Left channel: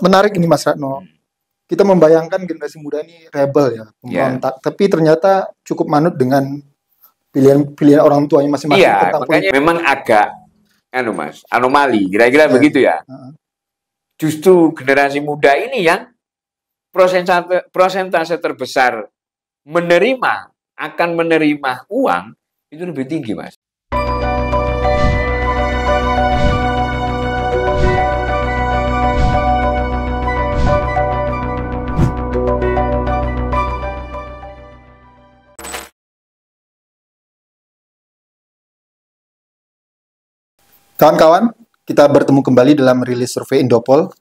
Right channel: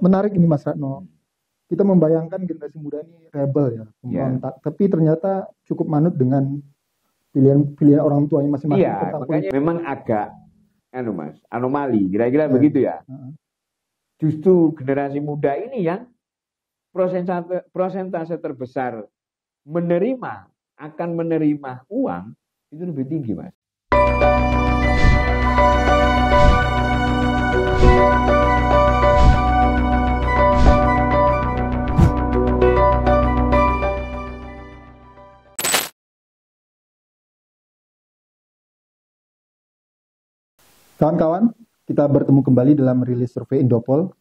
Menarik ini Mas Ratno. Kita membayangkan generasi muda ini rebel ya, pemberontak. Tapi ternyata cukup manut dengan pilihan orang tuanya masing-masing Iya, tentang makanya politik. memang agak Mas, anomali, kira-kira begitu ya. Justru generasi muda ini yang persentase terbesar akan menerima uang itu lebih tinggi, Mas. Kawan-kawan, kita bertemu kembali dalam rilis survei Indopol.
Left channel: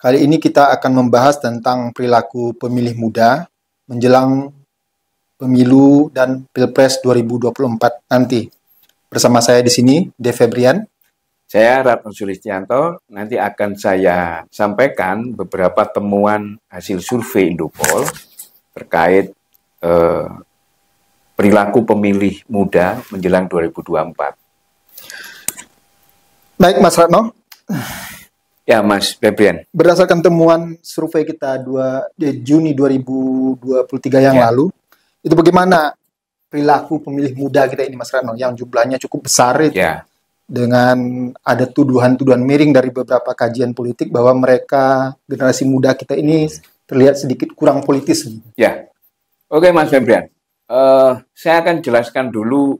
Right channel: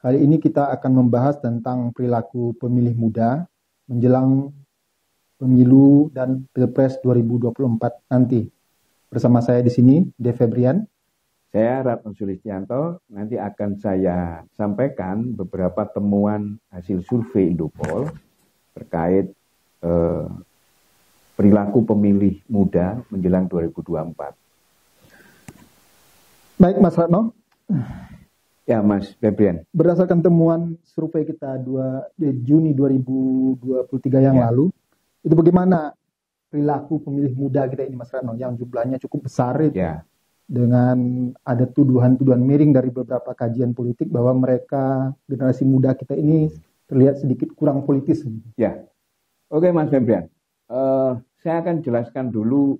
Kali ini kita akan membahas tentang perilaku pemilih muda menjelang pemilu dan Pilpres 2024 nanti. Bersama saya di sini, De Febrian. Saya Ratno Sulistianto. Nanti akan saya sampaikan beberapa temuan hasil survei Indopol terkait perilaku pemilih muda menjelang 2024. Baik, Mas Ratno. Ya, Mas Febrian. Berdasarkan temuan survei kita Juni 2023 yang lalu, itu bagaimana perilaku pemilih muda kita ini, Mas Ratno, yang jumlahnya cukup besar itu, dengan ada tuduhan-tuduhan miring dari beberapa kajian politik bahwa mereka, generasi muda kita ini terlihat sedikit kurang politis. Ya, oke Mas Febrian. Saya akan jelaskan dulu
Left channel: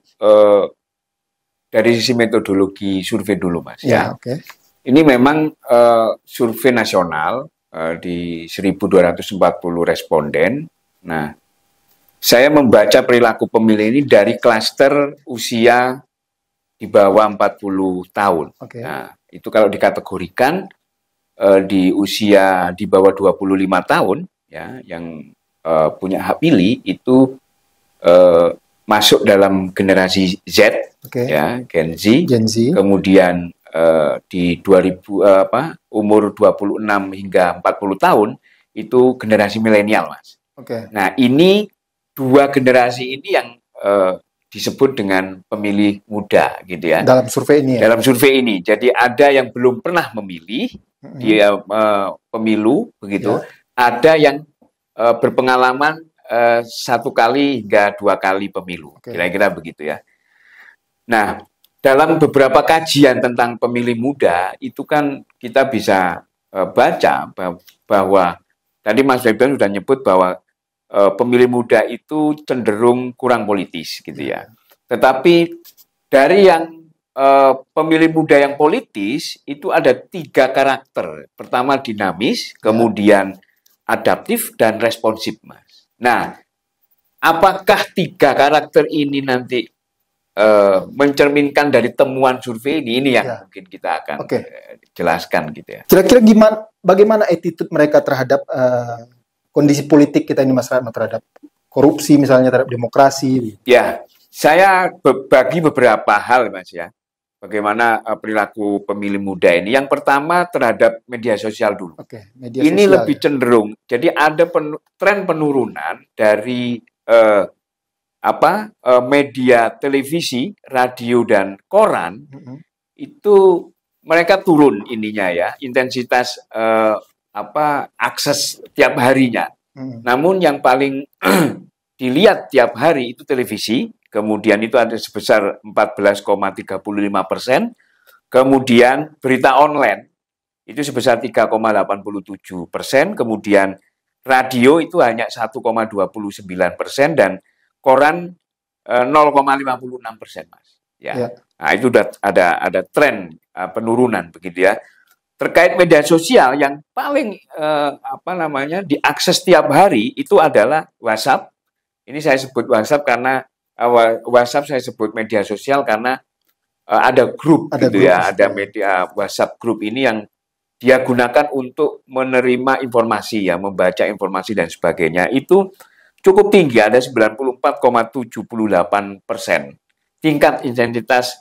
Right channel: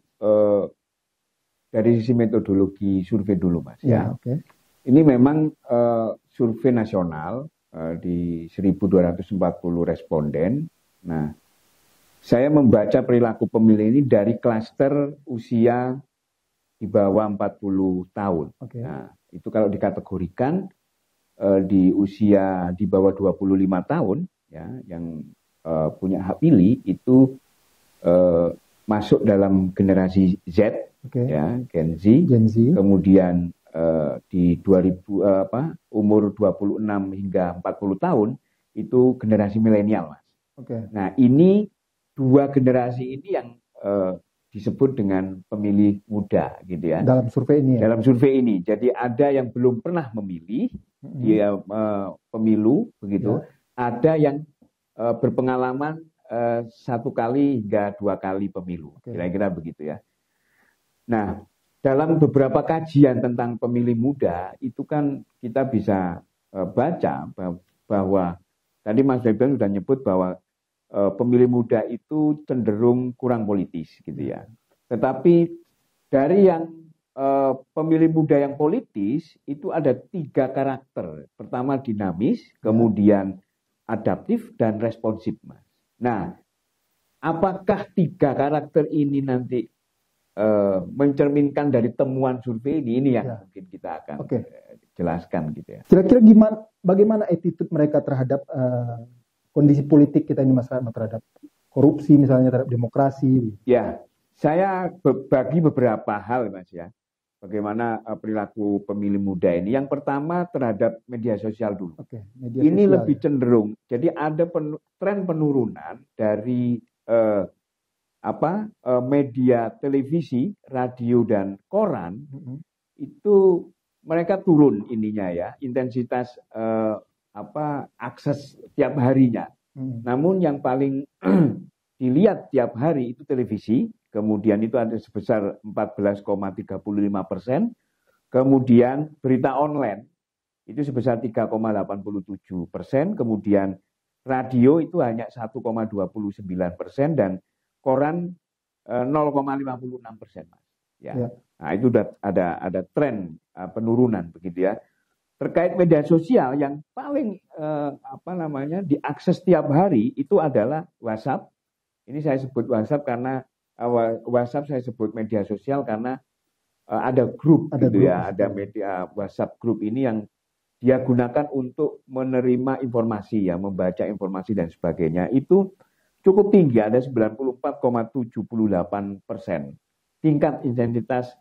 dari sisi metodologi survei dulu, Mas. Ya, oke. Ini memang survei nasional di 1.240 responden. Nah, saya membaca perilaku pemilih ini dari klaster usia di bawah 40 tahun. Nah, itu kalau dikategorikan di usia di bawah 25 tahun, ya, yang punya hak pilih itu masuk dalam generasi Z, ya, Gen Z. Kemudian di umur 26 hingga 40 tahun itu generasi milenial, Mas. Nah, ini dua generasi ini yang disebut dengan pemilih muda, gitu ya. Dalam survei ini. Dalam survei ini, jadi ada yang belum pernah memilih dia pemilu, begitu. Ada yang berpengalaman 1 kali hingga 2 kali pemilu, kira-kira begitu ya. Nah, dalam beberapa kajian tentang pemilih muda itu kan kita bisa baca bahwa tadi Mas Febrian sudah nyebut bahwa pemilih muda itu cenderung kurang politis, gitu ya. Tetapi dari yang pemilih muda yang politis itu ada 3 karakter. Pertama dinamis, kemudian adaptif dan responsif, Mas. Nah, apakah 3 karakter ini nanti mencerminkan dari temuan survei ini? Ini yang mungkin kita akan jelaskan, gitu ya. Kira-kira bagaimana attitude mereka terhadap kondisi politik kita ini, Mas Ratno, terhadap korupsi misalnya, terhadap demokrasi? Ya, saya bagi beberapa hal, Mas, ya. Bagaimana perilaku pemilih muda ini. Yang pertama terhadap media sosial dulu. Ini lebih cenderung. Jadi ada tren penurunan dari media televisi, radio dan koran. Itu mereka turun ininya ya, intensitas akses tiap harinya. Namun yang paling dilihat tiap hari itu televisi. Kemudian itu ada sebesar 14,35%. Kemudian berita online itu sebesar 3,87%. Kemudian radio itu hanya 1,29% dan koran 0,56%, Mas. Ya. Nah, itu udah ada tren penurunan, begitu ya. Terkait media sosial yang paling diakses tiap hari itu adalah WhatsApp. Ini saya sebut WhatsApp karena WhatsApp saya sebut media sosial karena ada grup, ada media WhatsApp grup ini yang dia gunakan untuk menerima informasi, ya, membaca informasi dan sebagainya. Itu cukup tinggi, ada 94,78% tingkat intensitas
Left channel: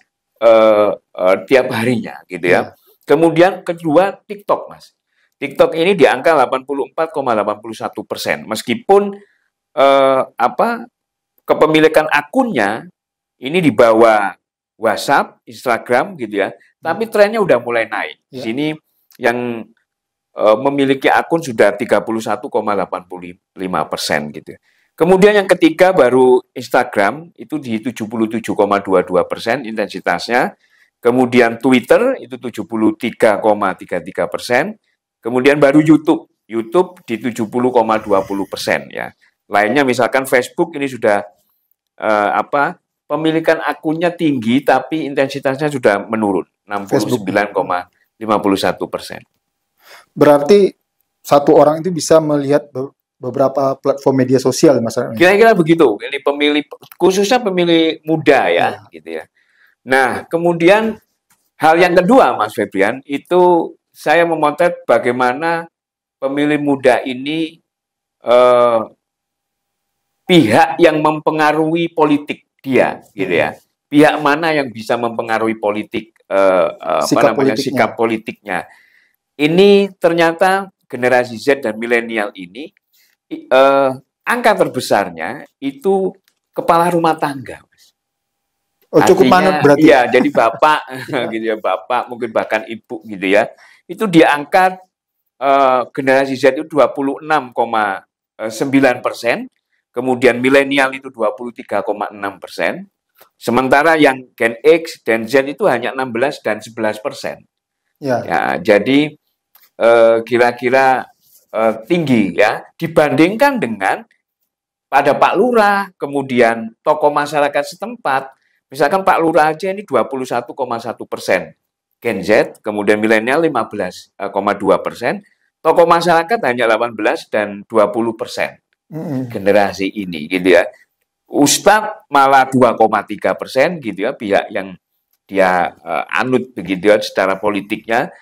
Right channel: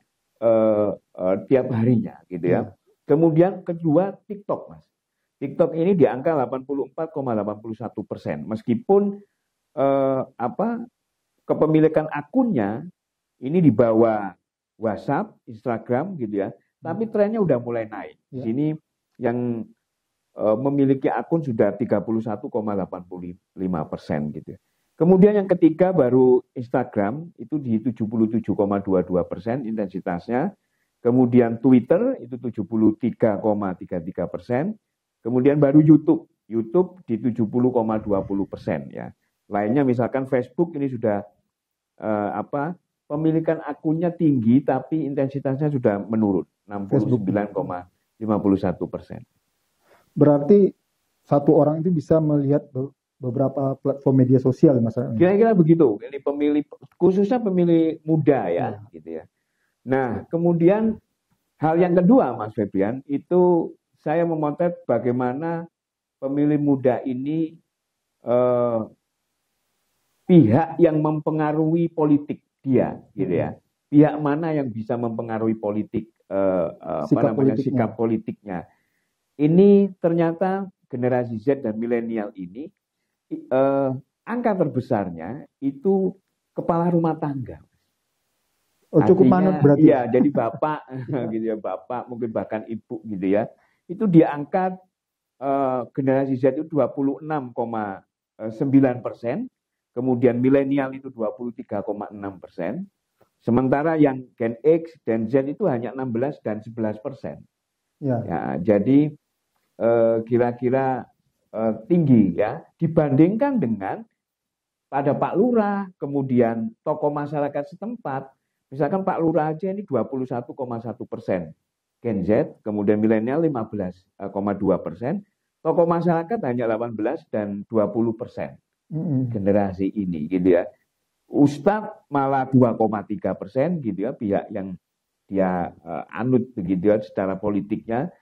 tiap harinya, gitu ya. Kemudian kedua TikTok, Mas. TikTok ini di angka 84,81%, meskipun kepemilikan akunnya ini di bawah WhatsApp, Instagram, gitu ya. Tapi trennya udah mulai naik. Di sini yang memiliki akun sudah 31,85% gitu. Kemudian yang ketiga baru Instagram itu di 77,22% intensitasnya. Kemudian Twitter itu 73,33%. Kemudian baru YouTube di 70,20% ya. Lainnya misalkan Facebook ini sudah pemilikan akunnya tinggi tapi intensitasnya sudah menurun 69,51%. Berarti satu orang itu bisa melihat beberapa platform media sosial, Mas. Kira-kira begitu. Ini pemilih, khususnya pemilih muda ya, gitu ya. Nah, kemudian hal yang kedua, Mas Febrian, itu saya memotret bagaimana pemilih muda ini pihak yang mempengaruhi politik dia, gitu ya. Pihak mana yang bisa mempengaruhi politik sikap politiknya. Ini ternyata generasi Z dan milenial ini angka terbesarnya itu kepala rumah tangga, Mas. Cukup manut berarti. Iya, jadi bapak gitu ya, bapak mungkin bahkan ibu gitu ya. Itu dia angka generasi Z itu 26,9%, kemudian milenial itu 23,6%. Sementara yang Gen X dan Z itu hanya 16 dan 11%. Ya, jadi kira-kira tinggi ya dibandingkan dengan pada Pak Lurah, kemudian tokoh masyarakat setempat. Misalkan Pak Lurah aja ini 21,1% Gen Z, kemudian milenial 15,2%, tokoh masyarakat hanya 18 dan 20% generasi ini gitu ya. Ustadz malah 2,3% gitu ya, pihak yang dia anut begitu ya secara politiknya.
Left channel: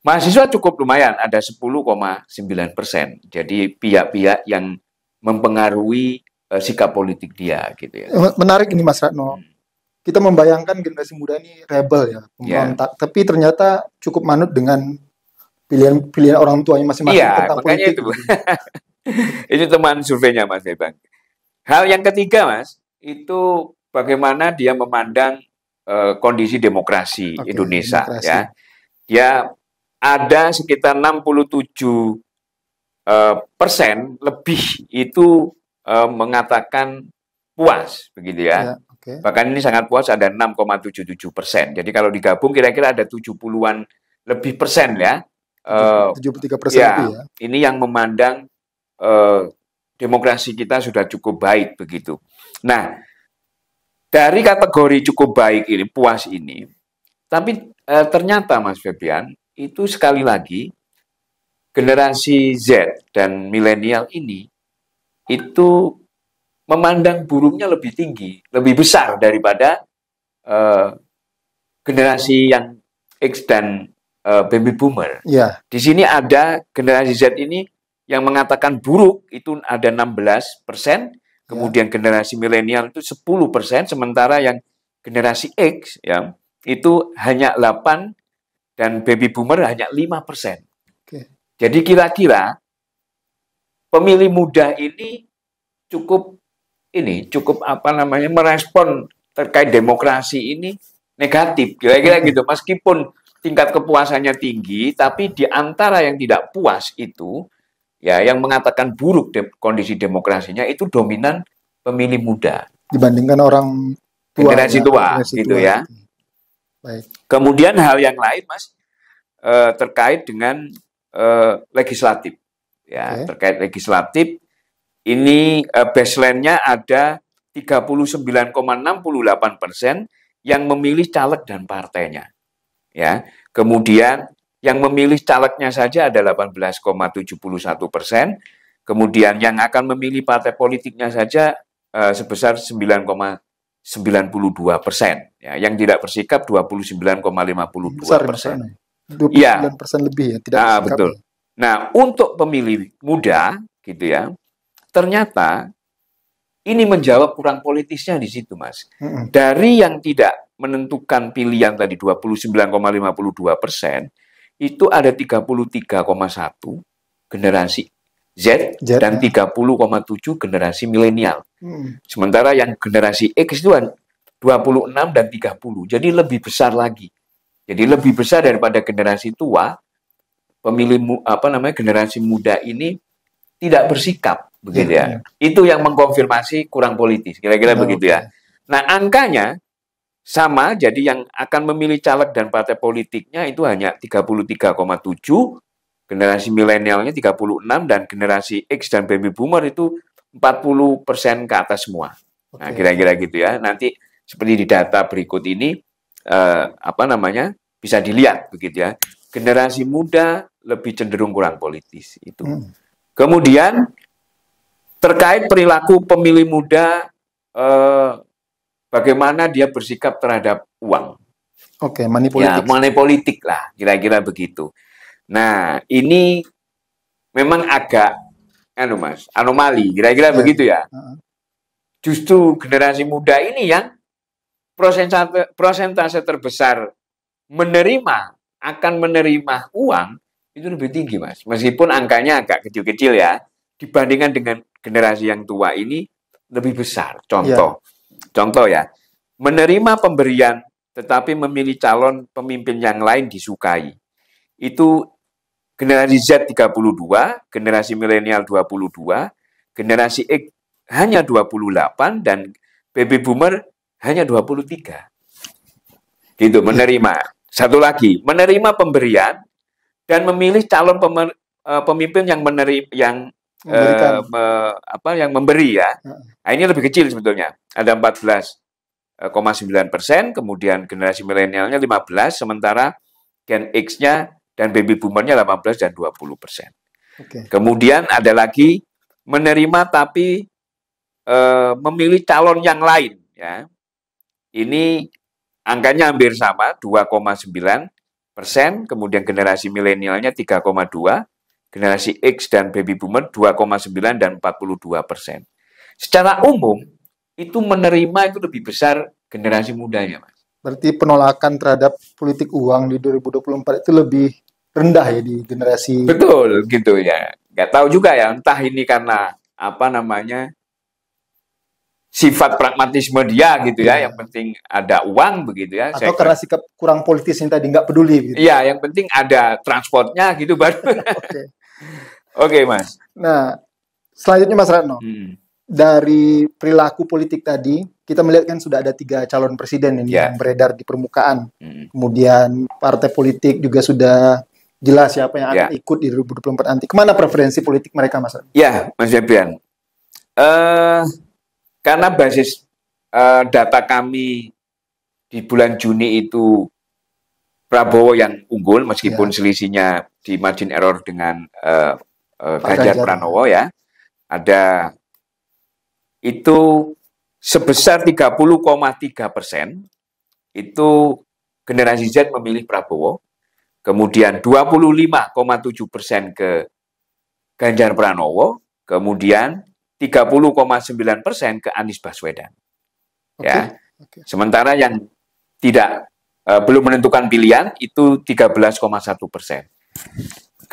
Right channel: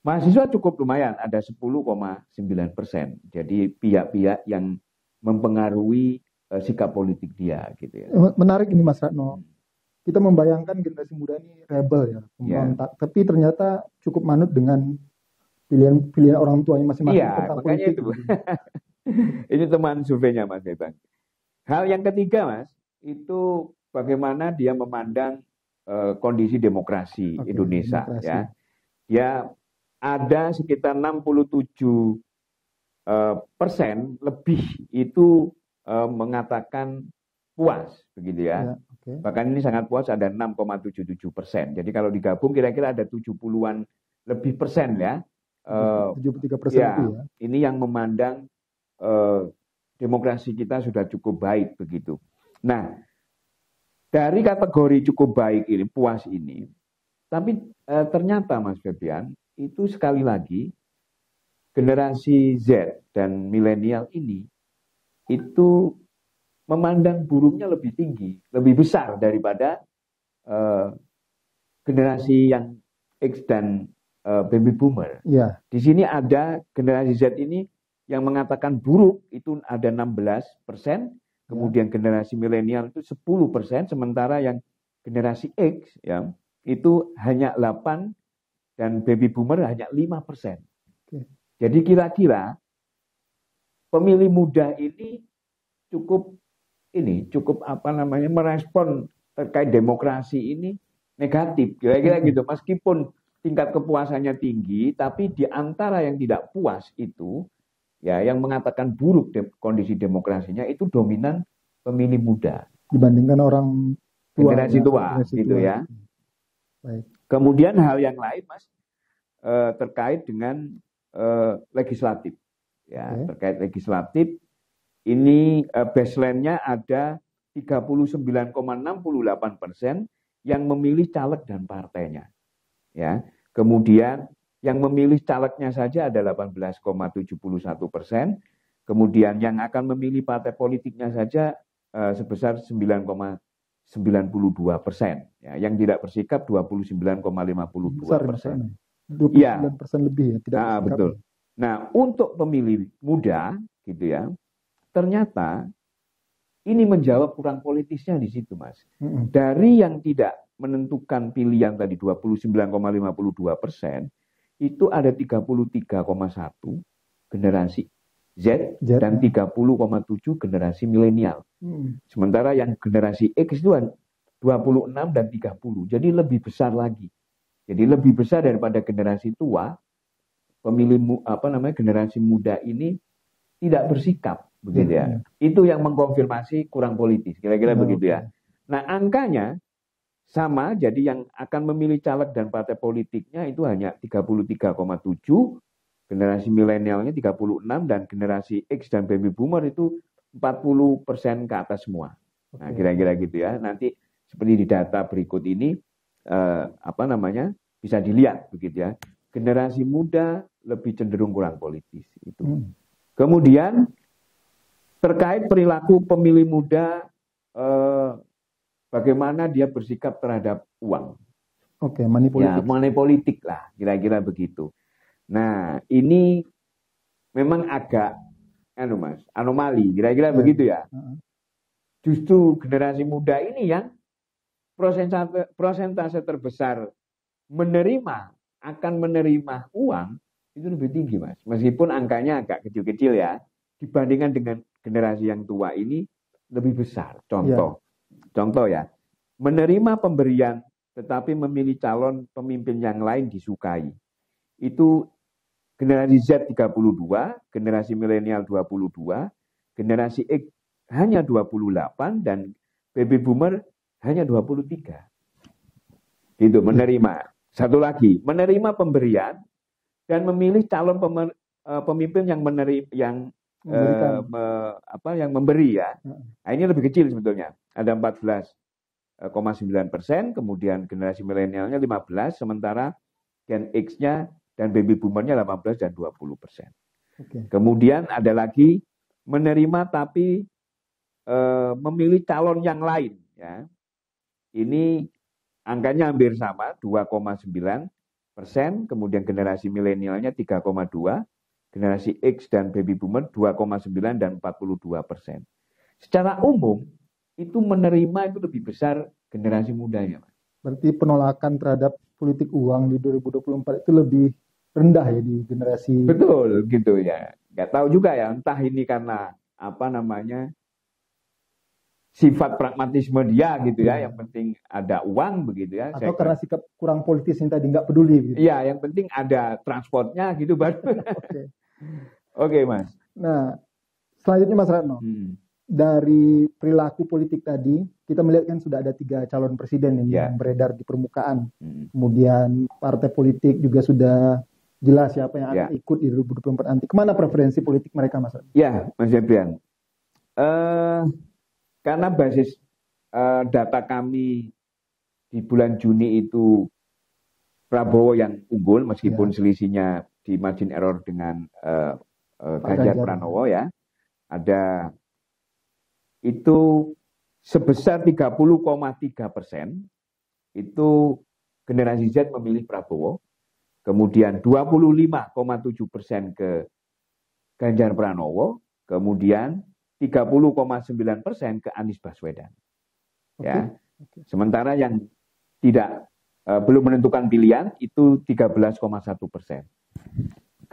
Mahasiswa cukup lumayan, ada 10,9%. Jadi pihak-pihak yang mempengaruhi sikap politik dia, gitu ya. Menarik ini, Mas Ratno. Kita membayangkan generasi muda ini rebel ya, pemberontak. Tapi ternyata cukup manut dengan pilihan orang tuanya masing-masing tentang politik. Itu. Itu teman surveinya, Mas Bebang. Hal yang ketiga, Mas, itu bagaimana dia memandang kondisi demokrasi Indonesia. Demokrasi. Ya, dia ada sekitar 67% lebih itu mengatakan puas, begitu ya. Bahkan ini sangat puas, ada 6,77%. Jadi kalau digabung kira-kira ada 70-an lebih persen ya. 73% lebih ya. Ini yang memandang demokrasi kita sudah cukup baik begitu. Nah, dari kategori cukup baik ini, puas ini, tapi ternyata Mas Febrian, itu sekali lagi generasi Z dan milenial ini itu memandang buruknya lebih tinggi, lebih besar daripada generasi yang X dan baby boomer. Yeah. Di sini ada generasi Z ini yang mengatakan buruk itu ada 16%, kemudian generasi milenial itu 10%, sementara yang generasi X ya itu hanya 8%. Dan baby boomer hanya 5%. Jadi kira-kira pemilih muda ini cukup merespon terkait demokrasi ini negatif. Kira-kira gitu. Meskipun tingkat kepuasannya tinggi, tapi di antara yang tidak puas itu, ya yang mengatakan buruk kondisi demokrasinya itu dominan pemilih muda. Dibandingkan orang tua. Generasi tua, gitu ya. Baik. Kemudian hal yang lain, Mas, terkait dengan legislatif. Ya, terkait legislatif, ini baseline-nya ada 39,68% yang memilih caleg dan partainya. Ya, kemudian yang memilih calegnya saja ada 18,71%, kemudian yang akan memilih partai politiknya saja sebesar 9,92%. Ya, yang tidak bersikap 29,52%. 29% lebih ya, tidak bersikap. Betul. Nah, untuk pemilih muda gitu ya, ternyata ini menjawab kurang politisnya di situ, Mas. Dari yang tidak menentukan pilihan tadi 29,52%, itu ada 33,1 generasi Z dan 30,7 generasi milenial. Sementara yang generasi X itu 26 dan 30. Jadi lebih besar lagi. Jadi lebih besar daripada generasi tua generasi muda ini tidak bersikap begitu ya. Itu yang mengkonfirmasi kurang politis, kira-kira begitu ya. Nah, angkanya sama, jadi yang akan memilih caleg dan partai politiknya itu hanya 33,7, generasi milenialnya 36, dan generasi X dan baby boomer itu 40% ke atas semua. Nah, kira-kira gitu ya. Nanti seperti di data berikut ini bisa dilihat begitu ya. Generasi muda lebih cenderung kurang politis itu. Kemudian terkait perilaku pemilih muda, bagaimana dia bersikap terhadap uang. Money politik. Ya, money politik lah, kira-kira begitu. Nah, ini memang agak anomali, kira-kira begitu ya. Justru generasi muda ini yang prosentase terbesar akan menerima uang itu lebih tinggi, Mas. Meskipun angkanya agak kecil-kecil ya, dibandingkan dengan generasi yang tua ini lebih besar. Contoh ya, menerima pemberian tetapi memilih calon pemimpin yang lain disukai. Itu generasi Z 32, generasi milenial 22, generasi X hanya 28, dan baby boomer hanya 23. Gitu, menerima. Satu lagi, menerima pemberian dan memilih calon pemimpin yang yang memberi ya. Nah, ini lebih kecil sebetulnya. Ada 14,9%, kemudian generasi milenialnya 15%, sementara Gen X-nya dan baby boomer-nya 18 dan 20%. Kemudian ada lagi menerima tapi memilih calon yang lain ya. Ini angkanya hampir sama, 2,9%, kemudian generasi milenialnya 3,2%, generasi X dan baby boomer 2,9 dan 42%. Secara umum itu menerima itu lebih besar generasi mudanya, Mas. Berarti penolakan terhadap politik uang di 2024 itu lebih rendah ya di generasi. Betul, gitu ya. Nggak tahu juga ya, entah ini karena sifat pragmatisme dia gitu ya, yang penting ada uang begitu ya. Atau karena sikap kurang politis yang tadi nggak peduli gitu. Iya, yang penting ada transportnya gitu baru. Oke, Mas. Nah, selanjutnya Mas Ratno. Dari perilaku politik tadi, kita melihat kan sudah ada 3 calon presiden ini yang beredar di permukaan. Kemudian partai politik juga sudah jelas siapa yang akan ikut di 2024 nanti. Kemana preferensi politik mereka, Mas Ratno? Ya, Mas Febrian. Karena basis data kami di bulan Juni itu Prabowo yang unggul, meskipun selisihnya di margin error dengan Ganjar Pranowo ya. Ada itu sebesar 30,3% itu generasi Z memilih Prabowo, kemudian 25,7% ke Ganjar Pranowo, kemudian 30,9% ke Anies Baswedan. Ya. Sementara yang belum menentukan pilihan itu 13,1%.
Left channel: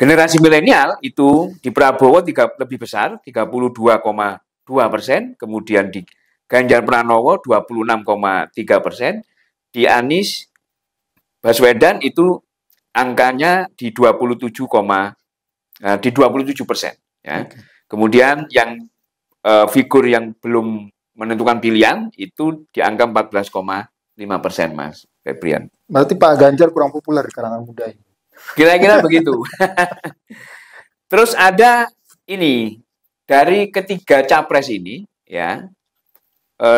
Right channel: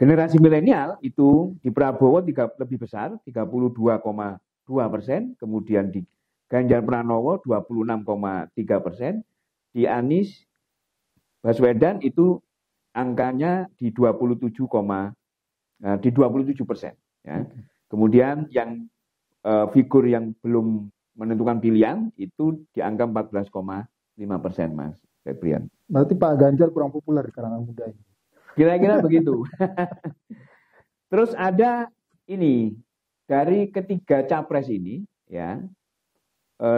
Generasi milenial itu di Prabowo lebih besar, 32,2%, kemudian di Ganjar Pranowo 26,3%, di Anies Baswedan itu angkanya di 27%. Ya. Kemudian yang figur yang belum menentukan pilihan itu di angka 14,5%, Mas Febrian. Berarti Pak Ganjar kurang populer di kalangan muda ini. Kira-kira begitu. Terus ada ini dari ketiga capres ini ya,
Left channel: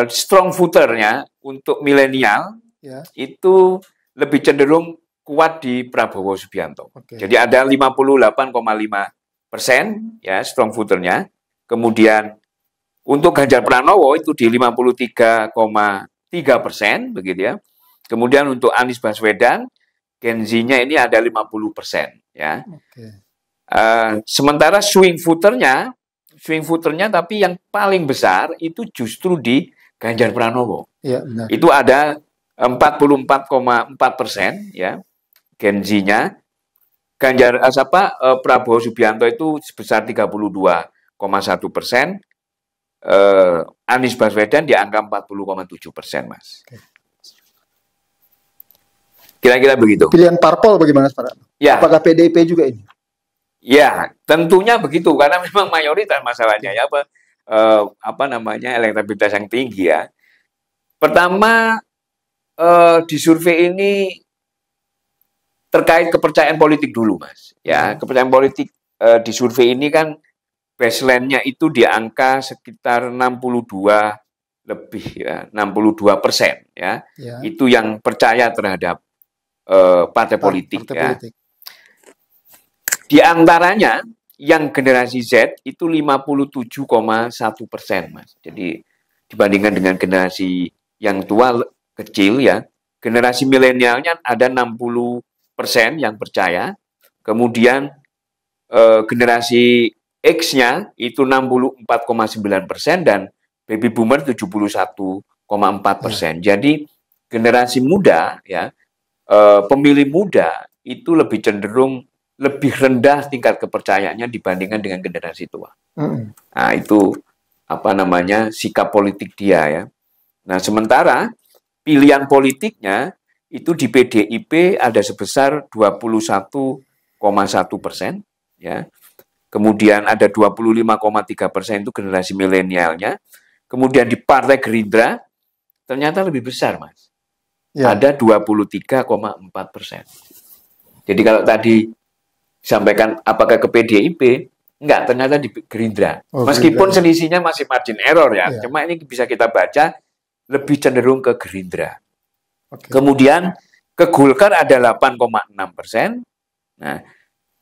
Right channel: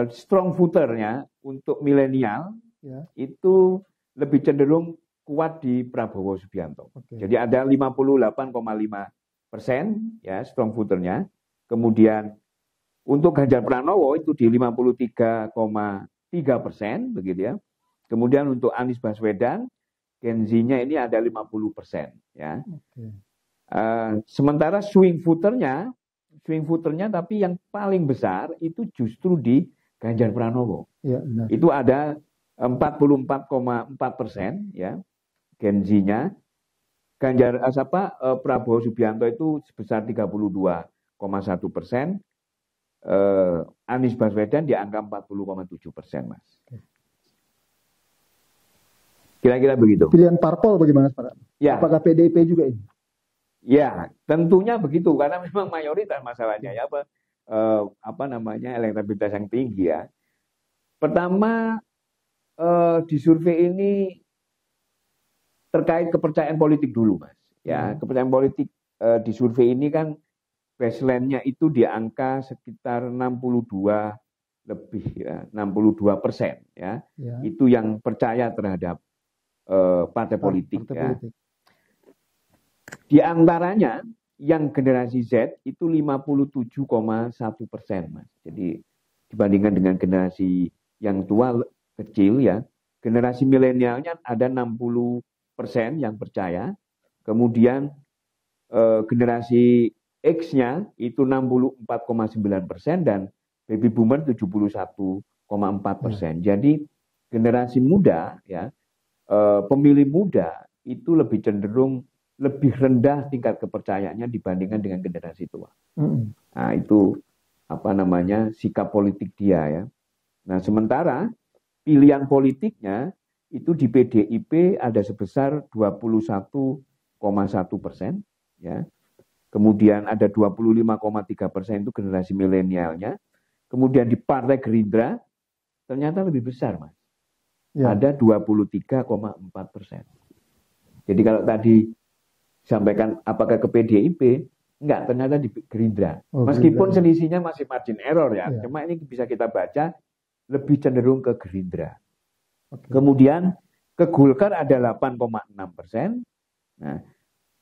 strong voternya untuk milenial itu lebih cenderung kuat di Prabowo Subianto. Jadi ada 58,5% ya strong voternya. Kemudian untuk Ganjar Pranowo itu di 53,3% begitu ya. Kemudian untuk Anies Baswedan Gen Z-nya ini ada 50% ya. Sementara swing voternya tapi yang paling besar itu justru di Ganjar Pranowo. Ya, benar. Itu ada 44,4% ya Gen Z-nya. Prabowo Subianto itu sebesar 32,1%. Anies Baswedan di angka 40,7%, Mas. Kira-kira begitu. Pilihan parpol bagaimana, Pak? Ya. Apakah PDIP juga ini? Ya, tentunya begitu karena memang mayoritas masalahnya ya apa namanya elektabilitas yang tinggi ya. Pertama di survei ini terkait kepercayaan politik dulu, Mas. Ya, kepercayaan politik di survei ini kan baseline-nya itu di angka sekitar 62 lebih ya, 62% ya. Itu yang percaya terhadap partai politik ya. Di antaranya yang generasi Z itu 57,1%, Mas. Jadi dibandingkan dengan generasi yang tua kecil ya, generasi milenialnya ada 60% yang percaya. Kemudian generasi X-nya itu 64,9% dan baby boomer 71,4%. Jadi generasi muda ya, pemilih muda itu lebih cenderung lebih rendah tingkat kepercayaannya dibandingkan dengan generasi tua. Nah, itu apa namanya sikap politik dia ya. Nah, sementara pilihan politiknya itu di PDIP ada sebesar 21,1% ya. Kemudian ada 25,3% itu generasi milenialnya. Kemudian di Partai Gerindra ternyata lebih besar, Mas. Ya. Ada 23,4%. Jadi kalau tadi sampaikan apakah ke PDIP, enggak, ternyata di Gerindra. Meskipun selisihnya masih margin error ya, cuma ini bisa kita baca lebih cenderung ke Gerindra. Kemudian ke Golkar ada 8,6%. Nah,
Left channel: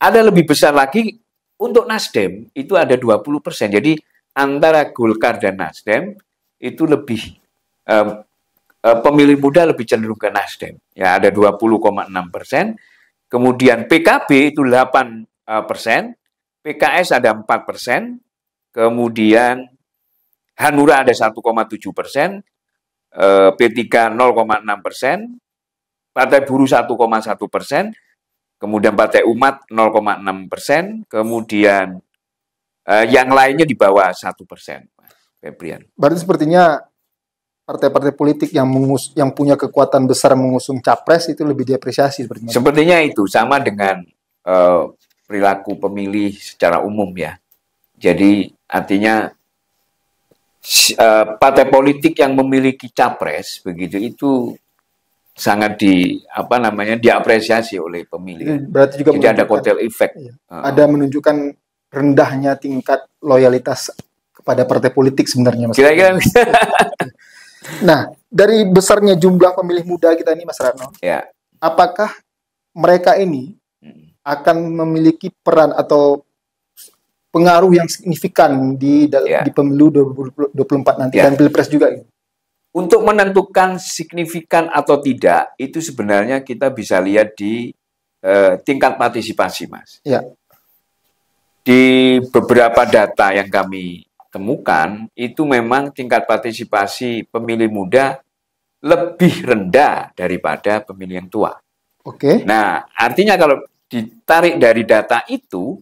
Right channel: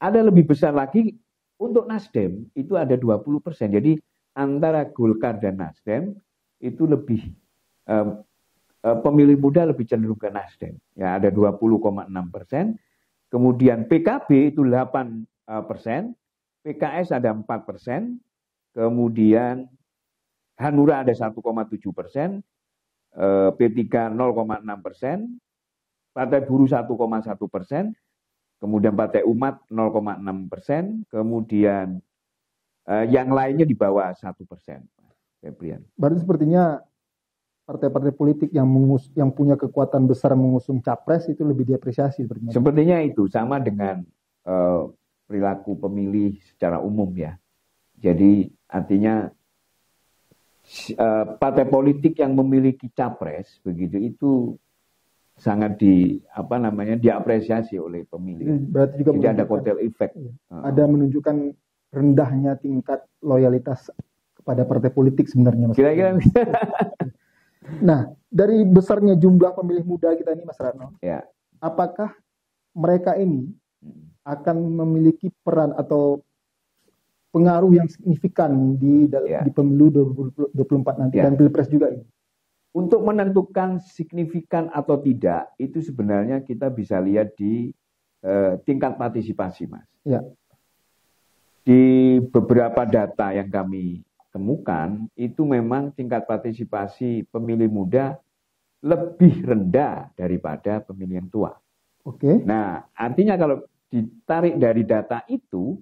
ada lebih besar lagi untuk Nasdem itu ada 20%. Jadi antara Golkar dan Nasdem itu lebih pemilih muda lebih cenderung ke Nasdem. Ya, ada 20,6%. Kemudian PKB itu 8%, PKS ada 4%, kemudian Hanura ada 1,7%, P3 0,6%, Partai Buruh 1,1%, kemudian Partai Umat 0,6%, kemudian yang lainnya di bawah 1%. Febrian. Berarti sepertinya partai-partai politik yang punya kekuatan besar mengusung capres itu lebih diapresiasi sepertinya. Sepertinya itu sama dengan perilaku pemilih secara umum ya. Jadi artinya partai politik yang memiliki capres begitu itu sangat diapresiasi oleh pemilih. Berarti juga jadi ada kotel efek. Ada menunjukkan rendahnya tingkat loyalitas kepada partai politik sebenarnya, Mas. Kira-kira. Nah, dari besarnya jumlah pemilih muda kita ini, Mas Ratno, apakah mereka ini akan memiliki peran atau pengaruh yang signifikan di pemilu 2024 nanti dan Pilpres juga? Untuk menentukan signifikan atau tidak, itu sebenarnya kita bisa lihat di tingkat partisipasi, Mas. Di beberapa data yang kami temukan itu memang tingkat partisipasi pemilih muda lebih rendah daripada pemilih yang tua. Nah, artinya kalau ditarik dari data itu,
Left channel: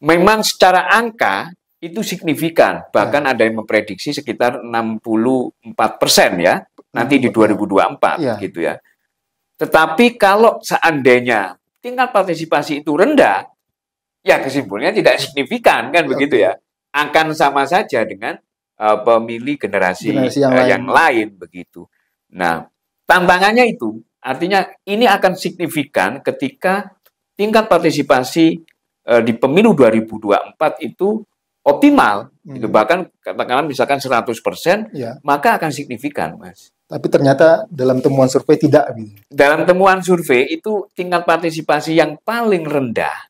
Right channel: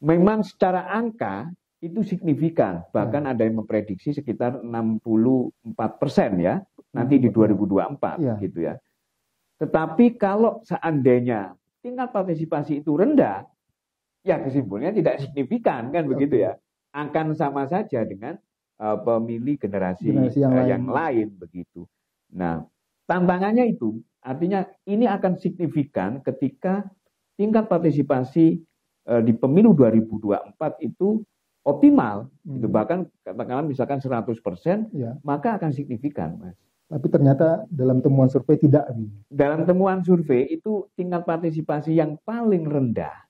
memang secara angka itu signifikan. Bahkan ada yang memprediksi sekitar 64% ya, nanti di 2024 gitu ya. Tetapi kalau seandainya tingkat partisipasi itu rendah, ya kesimpulannya tidak signifikan kan begitu ya. Akan sama saja dengan pemilih generasi yang lain begitu. Nah, tantangannya itu artinya ini akan signifikan ketika tingkat partisipasi di pemilu 2024 itu optimal, itu bahkan katakanlah misalkan 100%, maka akan signifikan, Mas. Tapi ternyata dalam temuan survei tidak. Dalam temuan survei itu tingkat partisipasi yang paling rendah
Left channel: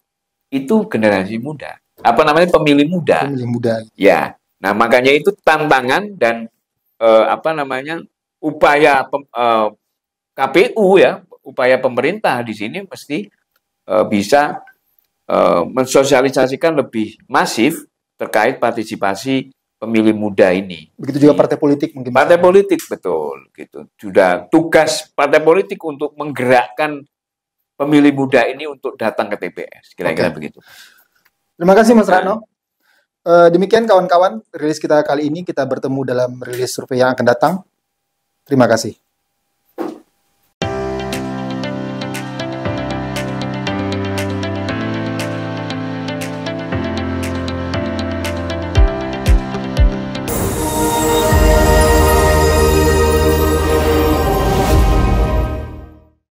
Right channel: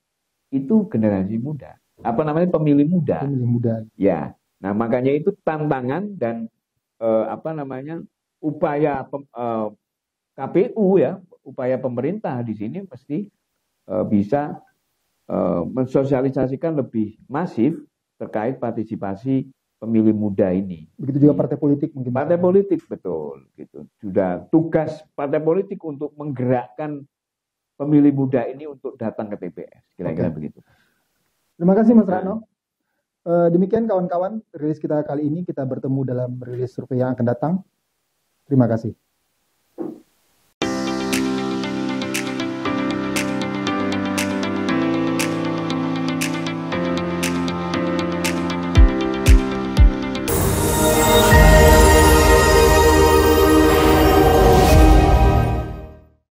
itu generasi muda. Apa namanya pemilih muda. Pemilih muda. Ya. Nah, makanya itu tantangan dan upaya KPU ya, upaya pemerintah di sini mesti bisa mensosialisasikan lebih masif terkait partisipasi pemilih muda ini. Begitu juga partai politik mungkin. Partai politik betul gitu. Sudah tugas partai politik untuk menggerakkan pemilih muda ini untuk datang ke TPS. Kira-kira begitu. Terima kasih Mas Ratno. Demikian kawan-kawan rilis kita kali ini, kita bertemu dalam rilis survei yang akan datang. Terima kasih.